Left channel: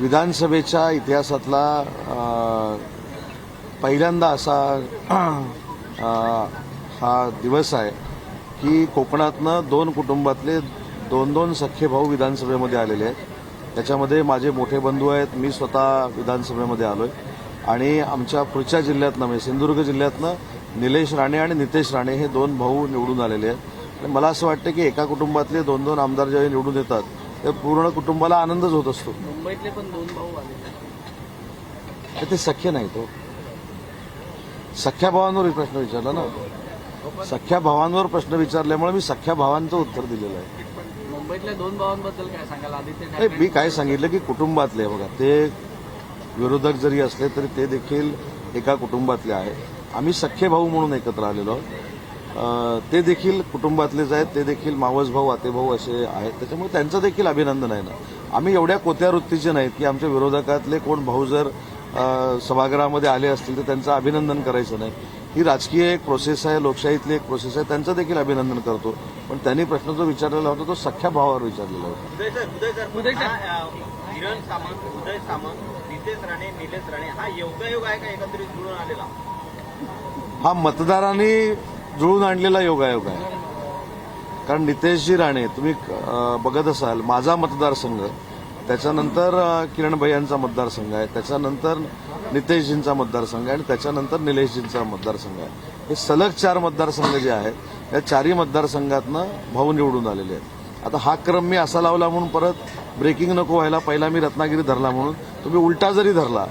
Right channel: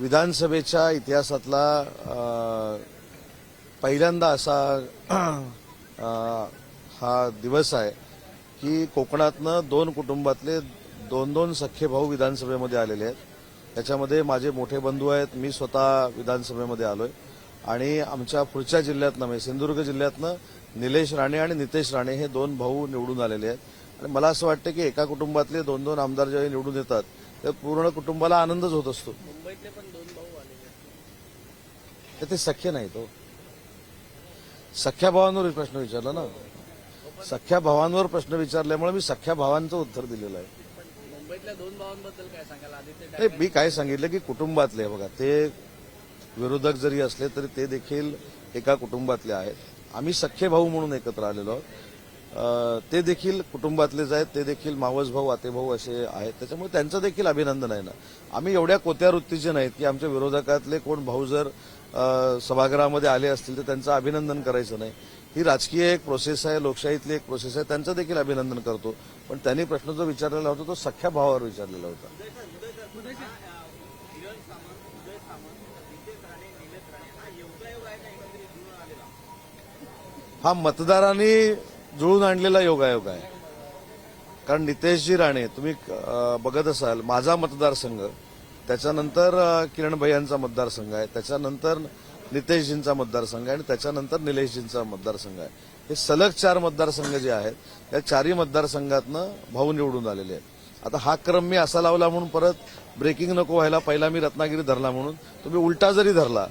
विधानसभेच्या इतिहासातला पहिल्यांदा असा हा दिवस आहे की कोकणातनं दोन कुटुंबातले दोन दोन सख्खे भाऊ विधानसभेमध्ये आलेले आहेत. त्याच्यामध्ये माझे मोठे बंधू आहेत, मी स्वतः विधानसभेमध्ये आलोय आणि आमच्या पुढच्या जिल्ह्यातनं म्हणजे सिंधुदुर्ग जिल्ह्यातनं निलेश राणे आणि नितेश राणे हे दोन भाऊ निवडून आलेले आहेत. आणि मला असं वाटतं की एका कुटुंबातले दोन दोन आमदार ज्यावेळी निवडून येतात तर पूर्ण कुटुंबाला आनंदच होत असतो. मुंबईतले पण दोन भाऊ आले, तर ते सख्य नाही तो सख्या भावांवर प्रश्न विचारला ना. सख्या भावांवर प्रश्न विचारल्यामुळे मी सख्या भावांचं उत्तर दिलेलं आहे. मुंबईतल्या दोन भावांबद्दल काय सांगाल? आदित्य नाही, मी काय सांगितलं की कुटुंबातले बघा, ते विरोधक जरी असले तरी ते देखील एका कुटुंबातले आहेत. आम्ही सख्खे भाऊ म्हणून एकत्र आलेलो आहोत. ते देखील कुटुंबातलेच आहेत, ते देखील मावस भाऊ आते भाऊ असे आहेत. त्याच्यामुळे त्यांचं देखील अभिनंदन आहे ना. आम्ही एवढ्या कोत्या वृत्तीचे नाहीत की आमच्या विरोधकातले कोण भाऊ जर सभागृहामध्ये आले असतील तर त्यांचं अभिनंदन करायचं नाही. ही राजकीय एक प्रोसेस आहे, लोकशाहीतली एक प्रोसेस आहे, त्यांचं देखील अभिनंदन करतो. पण त्यांनी प्रश्न जो विचारलेला होता तो सख्या भावावर विचारलेला होता. किरण सामंत, उदय सामंत, नितेश राणे, निलेश राणे हा योगायोग आहे का एकत्रित जुळून आलेला? हा मतदारांनी जुळून आणलेला योगायोग आहे. कारण नितेशजी राणे तुम्ही बघत असाल, माझा मतदारसंघ, त्याच्यानंतर किरण भैयांचा मतदारसंघ आहे, त्याच्यानंतर नितेशजींचा मतदारसंघ आहे आणि त्याच्यानंतर निलेशजींचा मतदारसंघ आहे. हे सलग 4 मतदारसंघ जे आहेत या 4ही मतदारसंघातनं भाऊ निवडून आलेले आहेत. आता हा क्रम मी असा लावला म्हणून परत ब्रेकिंग नको व्हायला, पहिला मी रत्नागिरी धरला म्हणून तुम्ही उलटा जरी धरला,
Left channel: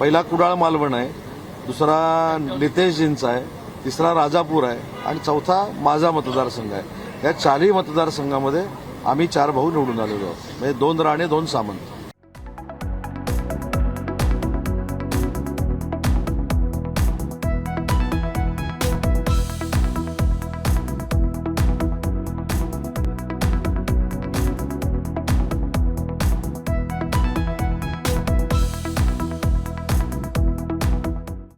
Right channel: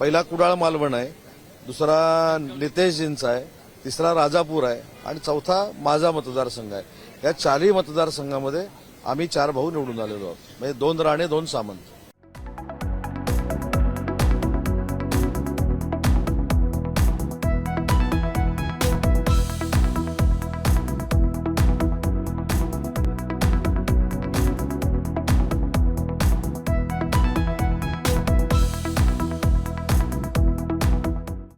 पहिला कुडाळ मालवण आहे, दुसरा नितेशजींचा आहे, तिसरा राजापूर आहे आणि चौथा माझा मतदारसंघ आहे. या 4ही मतदारसंघामध्ये आम्ही 4 भाऊ निवडून आलेलो आहोत. म्हणजे 2 राणे 2 सामंत.